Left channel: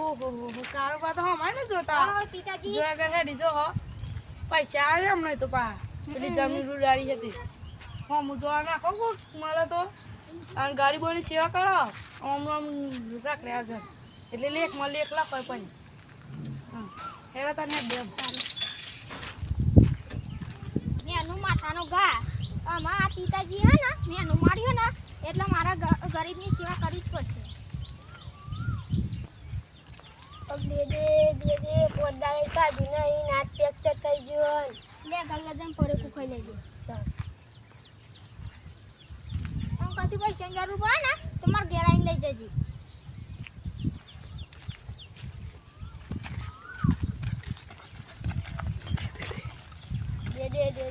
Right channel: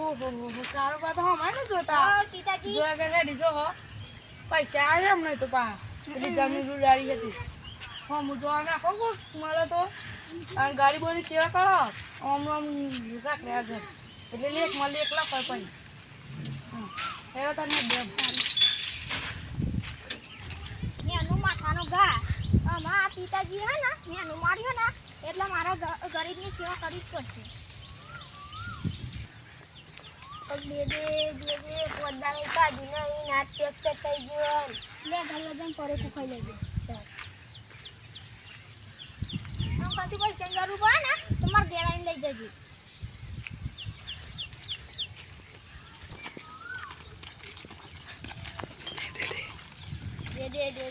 ઓહો કારોબાર તો હમાય ને જોતા પિતાજી જો આગળ હેડી જો હો પૈસા આવે હમણાં તો પા પેલી જમીન રૂડાડી હતી હા હું જોવા નાખો મળે તો અને ગાડી બોની સેવા કરો આમ રાખડે આગળ એટલે લેખમાં લેખ લખાય પણ હા એવા તને બે મેનું માથાનો ઘા અમારા પિતાજી હે ને મેનું માર્યું ને એટલે મારા ગરીબની સેવા કરવી જ પડશે બે પોદાળે કાઢી નહીં નાચ ટેક્ટર થઈ ગયો લે ગલ્લા જમ પડે કુખાઈ લેજે હું કદી પૈસા જરૂર પડે ને તો મારે ઘેર આવીને લઈ જજે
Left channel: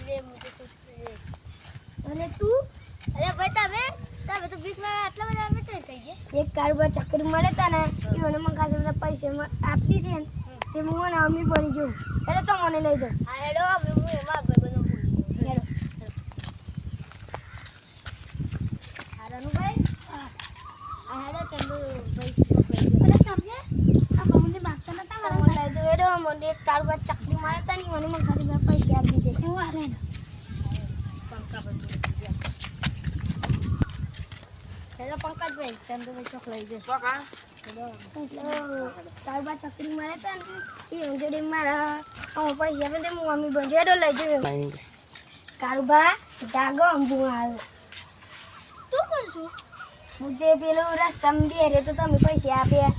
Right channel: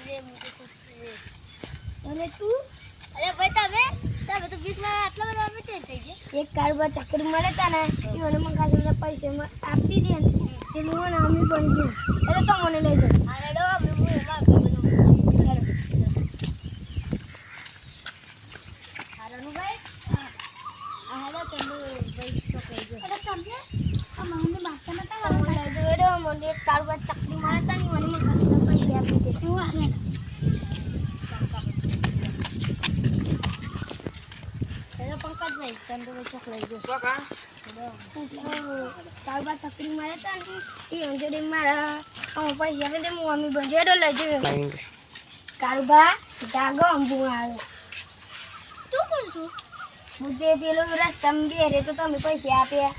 દે મુझे कुछ અને તું અરે ભાઈ તમે તો 20 માં આટલા બધા અમે થઈ ગયે એક કારોબાર ચક્કર મળે તા ને ઈવને મને કાસે પૈસા આપી દે તે મને અમી બની ગયું એટલે તો મને લઈ જાવ આ હેડો હું એમાં બધું હેડો હારાનું ભાઈ આ હેડો તમે ભાઈ પકડી ગયો એટલે સમજે આ મને માગતા નતા મને લઈ દો હેડો મને એક કારોબાર ચક્કર મળે તા ને મને કાસે પૈસા આપી દે હું આ હેડો પંકજભાઈ તમે તો ચોક લઈ ગયો ચોકા કારોબાર ચકરી મારે તા ને એ અંજડી મારા પૈસા આપે તે હું મમ્મી બંજેડો લઈ જઉં કારોબાર જાગો અંબુ આવ્યો તું કોણ છું હું તે પેલો રસ્તામાં બેરે તો તમે પૈસા આપ્યા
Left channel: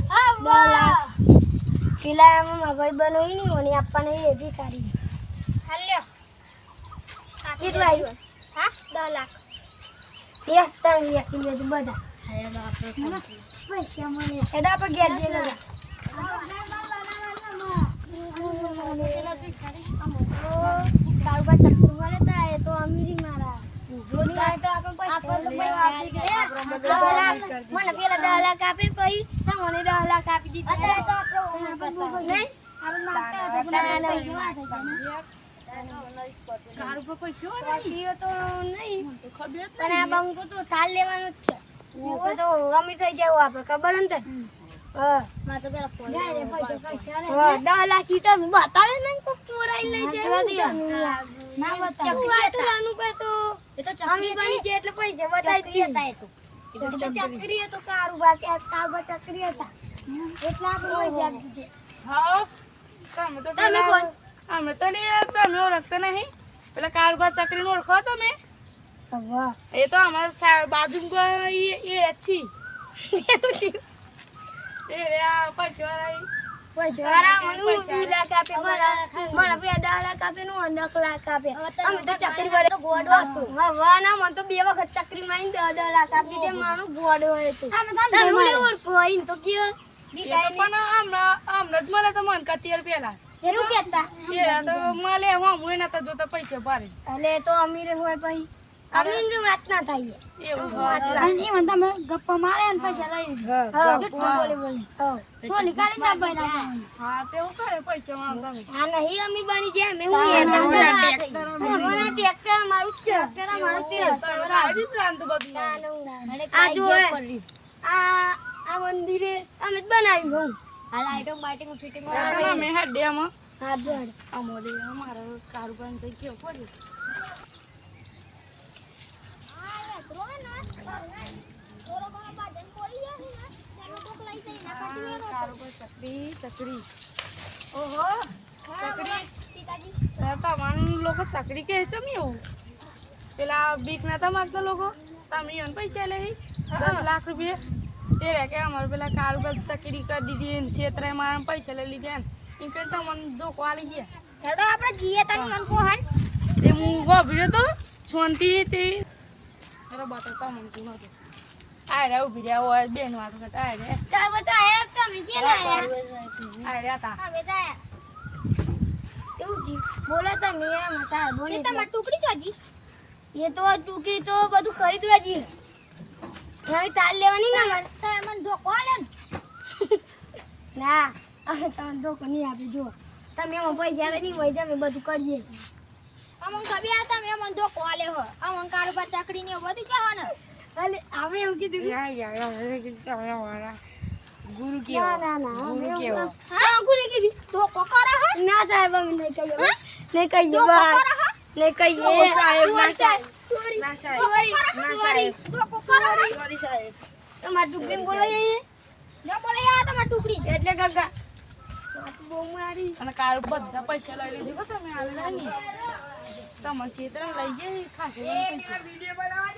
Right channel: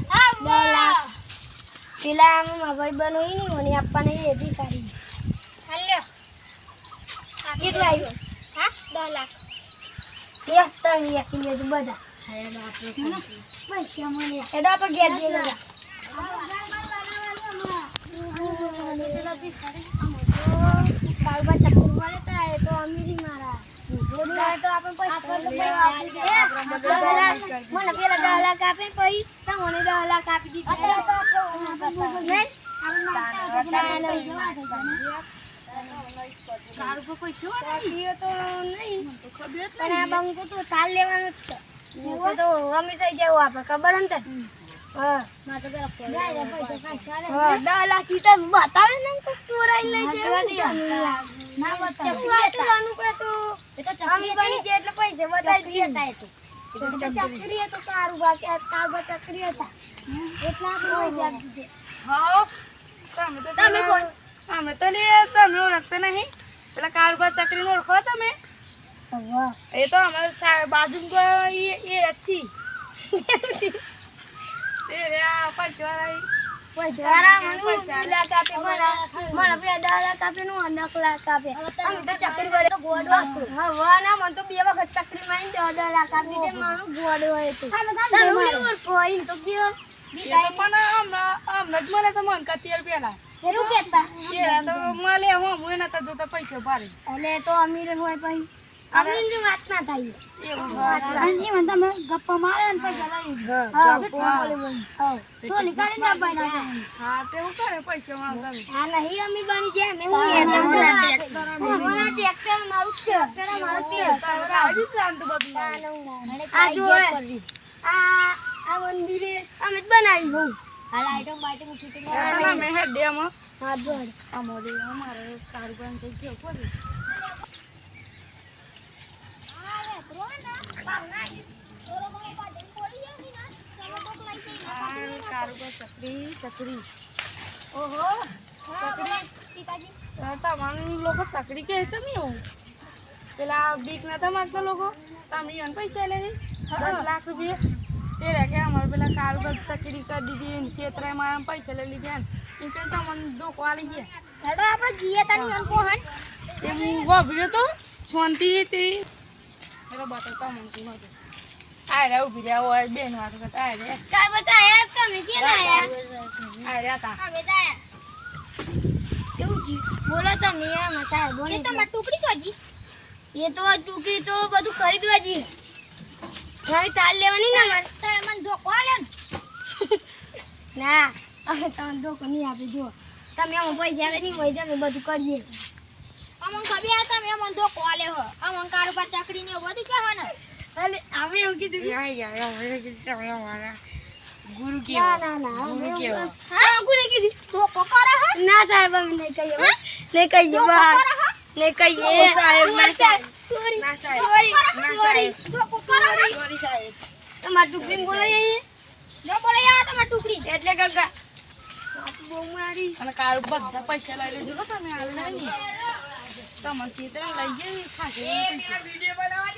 પેલા મારા ભાઈ બનોઈ નહીં મને આપવા નહીં રેતી કાઢી હાલ્યો કેટલું આવ્યું હા 10 લાખ એક ત્રણ યાકી લેજો બધા પૈસા મને એડા પર ગેર દે લગા કાલબા ચક્કર મારે તા એ તો અમીરી મારા રોજ આય તો આપણે પૈસા મને પેલા 10 લાખ આપે પછી તમને 10 લાખ આપી દીધી અરે તો આપણે આપણે કારોબાર પૈસા તો નહીં તો ખબર પણ આ બંકો તો તાલ લેવાનો જ છે તો અમી થઈ જાય આપણે ખબર ને હા માં તો પેલા ફોન જાય પૈસા 10 લાખ ઈ તો બતાવે નહીં તો ચોરાઈ લઈ જાય ના બતાવે નાનું કાટું એ તો ચકરી બની જાય એટલે પૈસા બતાવી દેતા એ તો ચકરી તો કારોબાર ચકરી હતા એટલા આપણે પૈસા આપી દીધે હા તમે કોણ અમે તો લે તમે ઓળખતા નહીં પેલા કારોબાર ચકરી નો ઓળખો તમે વાહ એ તો અમારા બાજુ એ अच्छी એ રે આ પૈસા મને 2 લાખ આપે મને 10 લાખ આપે નું 9 લાખ આપે અમે તો ચકરી વડે તો ગોડો હતો હા ના મને તો 2 વખત ચકરી મારીને 10 લાખ આપી દે મારું ગોડો હોય તો તમે ઓળખો તો કયો પણ હમણાં જ મળે તો મન કતિયર પેલા એવું કેતા એ તો મળે હું એના તો જોતા પૈસા ભારે એટલે તો અમીર હોય પછી અમીર વાત ના થાય એવું અને ઈ મને તમે ગપ્પા મારે ને પૈસા લઈ હા બોલે હા સો નિકાળી ના બના હા તેવું કરે પૈસા માં તમે હા નહીં અમી બની જાય મે હું ટ્રેક્ટર મારું છે ટ્રેક્ટર મારું છે આવી જ રાંધ બધું આ જો આ મંદિરે અમે બનાવી હું હાલ આઈટમ બાઈટમ ફિટિંગ અમે હેડ ડેમ હા જો અમારે અમારા કારોબાર થઈ ગયો પડે ચકરી ઓહો ચકરી પિતાજી તમારું લોકો ચકરી કે છે ને એવું પેલા બીક નતા માંગતા લોકો તમે એને પૈસા લે 10 લાખ રૂપિયા તે રે કે અમારે પેલા કારોબાર ચકરી કરી દીધી ને છેતરાય મારા પૈસા લઈ લીધા ને એમ કે તમને ધોકો આલી ગયા હેડો આપણે જીએ તને મન કોહન એ હું વાભર્યો તો શાંતિ તે એરો બતાવતા મને તું નતો આ રે ઉભી રહ્યા હોય બેન વાતો કરતા આ રે કાઈ બતા હે તમે કે ના યાર આ રે તા હા બેટા કેવું જી બોલો તમે આ મતા બોલે તમાર ટુકડી જોજી એ તો ટુકડી તો બધું કરી દોજી ઘરે ચાલ લેવાની ના મન તો મન ધોકો લે ના તમે ધોકો નહીં આપી જો તમે એમાં પૈસા આવે નહીં હોય તમે બધું કરીએ અમન કબી આ તમે મન ધોકો આલે હો અમન કારોબાર ચકડી ને બધું કહો ને એટલે અમે એવું કીધું ગુરુ ના કેવો ના ના ગુરુ કેવો હા ગુરુ કીધી તો કોકરા હા ના સાહેબ અમે નહીં કહીએ નહીં કહીએ નહીં કહીએ ઓ સાહેબ, ના સાહેબ. સોરી ના સાહેબ. સોરી ના સાહેબ. તો કોકરા હા સોરી સાહેબ તમાર ટુકડી બોલાય ન બોલાય તમાર ટુકડી એટલે કાકા બહુ મારી અને કાલ બધા પૈસા લઈ લેજો હો તમે હાલ નહીં તમારે ક્ષેત્ર લઈ જઈ ખાશે પૈસા